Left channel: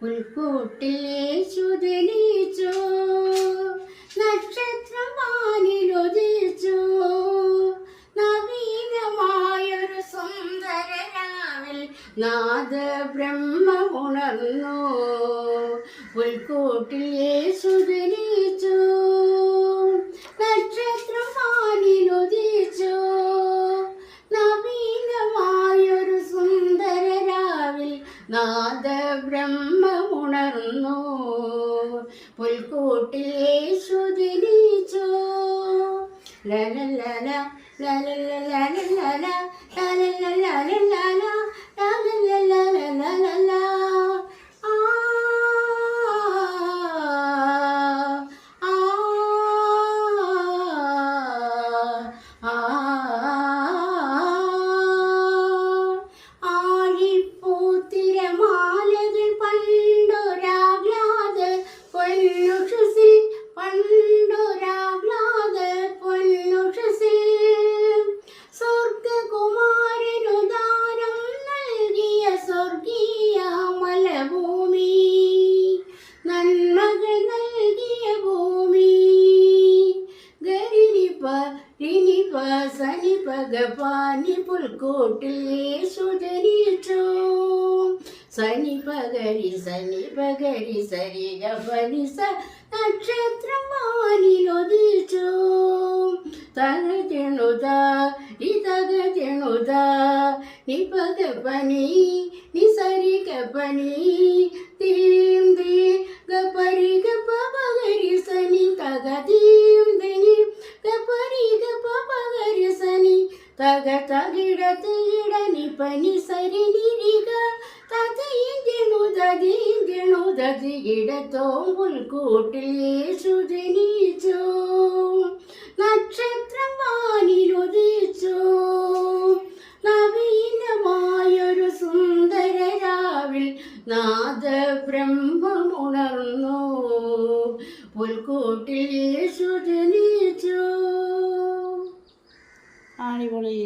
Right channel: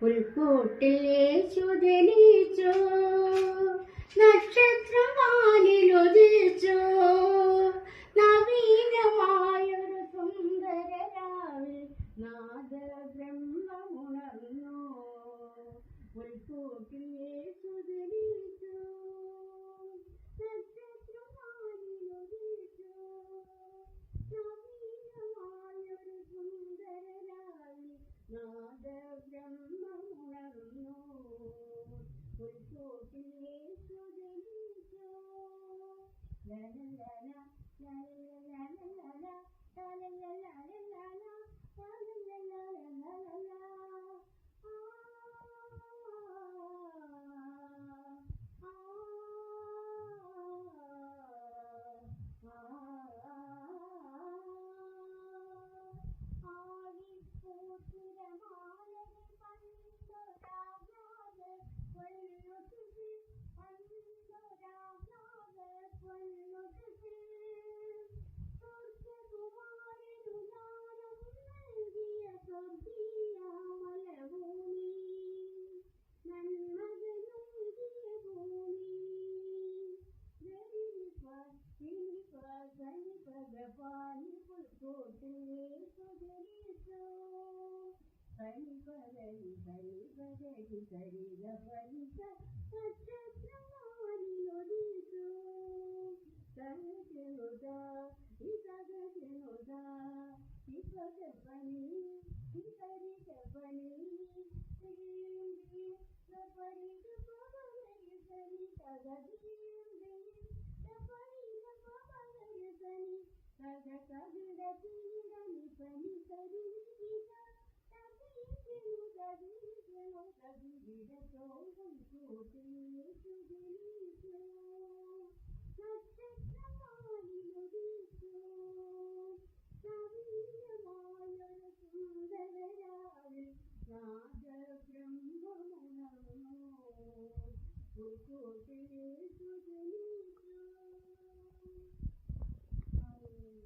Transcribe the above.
പുൽക്കൂട്ടിൽ യേശു ജനിച്ചു, നക്ഷത്രം വാനിലുദിച്ചു. നവീനമായൊരു സുന്ദര രാവിൽ നാദബ്രഹ്മമുണർന്നു. പുൽക്കൂട്ടിൽ യേശു ജനിച്ചു, നക്ഷത്രം വാനിലുദിച്ചു. നവീനമായൊരു സുന്ദര രാവിൽ നാദബ്രഹ്മമുണർന്നു. പുൽക്കൂട്ടിൽ യേശു ജനിച്ചു. ലലലല ലലലല ലലലല ലലലല ആ ആ ആഴിപ്പൂത്തിരമാലകൾ പണ്ടൊരാഗ്ലാദ പൊന്നുഷസിൽ, പണ്ടൊരാഗ്ലാദ പൊന്നുഷസിൽ സ്വർഗകുമാരനുദാനം നൽകിയ സ്വർഗീയ മലഭൂമി, നന്മകൾ നൽകിയ ഭൂമി. ഗരിനിപ രിനിപ സനിപ ഗപാനി പുൽക്കൂട്ടിൽ യേശു ജനിച്ചു. സനിപ ഗരി സരി ഗപനി സ നക്ഷത്രം വാനിലുദിച്ചു. തകജണുത ഇതകജണുത നിപ ഗപനി നിസരി ഗപനി തീം ദീ ഗപരി ഗപ പഗരി സനി തക തീം ദനി ഗപരി ഗപ പഗരി സനി തക തകിട തികിട നിപനി സരി നിരിക തകീജണുതീജണുതീടത്തോം പുൽക്കൂട്ടിൽ യേശു ജനിച്ചു. നക്ഷത്രം വാനിലുദിച്ചു. നവീനമായൊരു സുന്ദര രാവിൽ നാദബ്രഹ്മമുണർന്നു. പുൽക്കൂട്ടിൽ യേശു ജനിച്ചു. അടിപൊളി.